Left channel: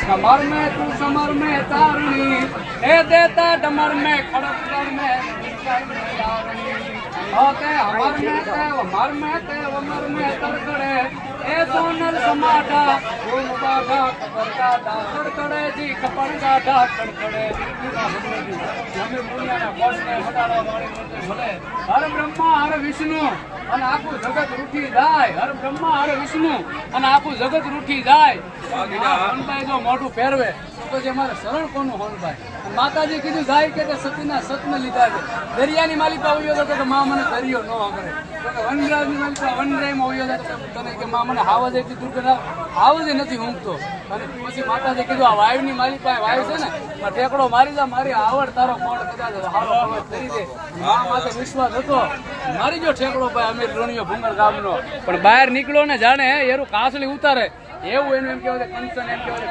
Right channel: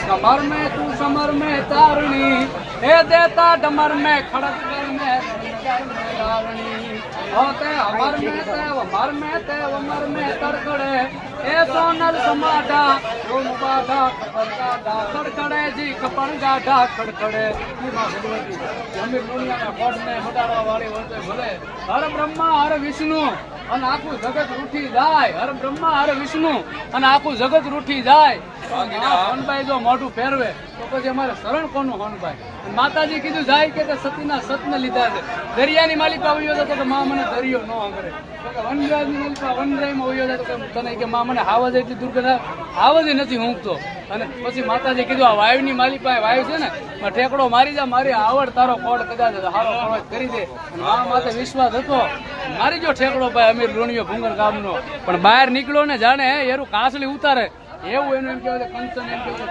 summer में तू summer में तारणी हे देता डमर में खड़क में होते हमर में ते वमर में ते वमर में तड़कड़े ए सोनल समाटा ओम बाधा खड़का खड़कड़े जी खपण गाढ़ा खड़कड़े जमी दुनिया ना कोड ने बटाड़ा वाली होते भले हर ब्रह्मा हर विष्णु અને આખું જગત રૂઠી જાય હર બ્રહ્મા હર વિષ્ણુ અને આખું જગત રૂઠી જાય હનભાઈ જો મોઢું ફેરવે તો પછી અમારે શરણ કોનું હનભાઈ માતાજી કીધું જાય કે સતીના સતને લીધા છે દરિયાની માલિકા આવ્યો હતો તો માં મને દરિયો ન કરે વનરાજની માલિકા વનરાયમાં આવ્યો હતો તો તને કે માં મને હાવજ એટલી દુર્ગંધ હાવજ નથી ઊંઘતો અને પછી માતાજી કીધું આ વાયુની માલિકા વાયુ છે ને ઠેકડો મારી જા મારી આવડ તારો કોડ કદાચ હારો કરી દે મા માથે વિશ્વાસ હતો મારી જો ઠેકડો ભાઈ અમીર રોણીયો ભૂંગર ગામનો પણ બહાર નીકળો ને જાણે એરું કાસળી ઉતારે એવું એનું એમ કહેવાય કંચન એમ કહેવાય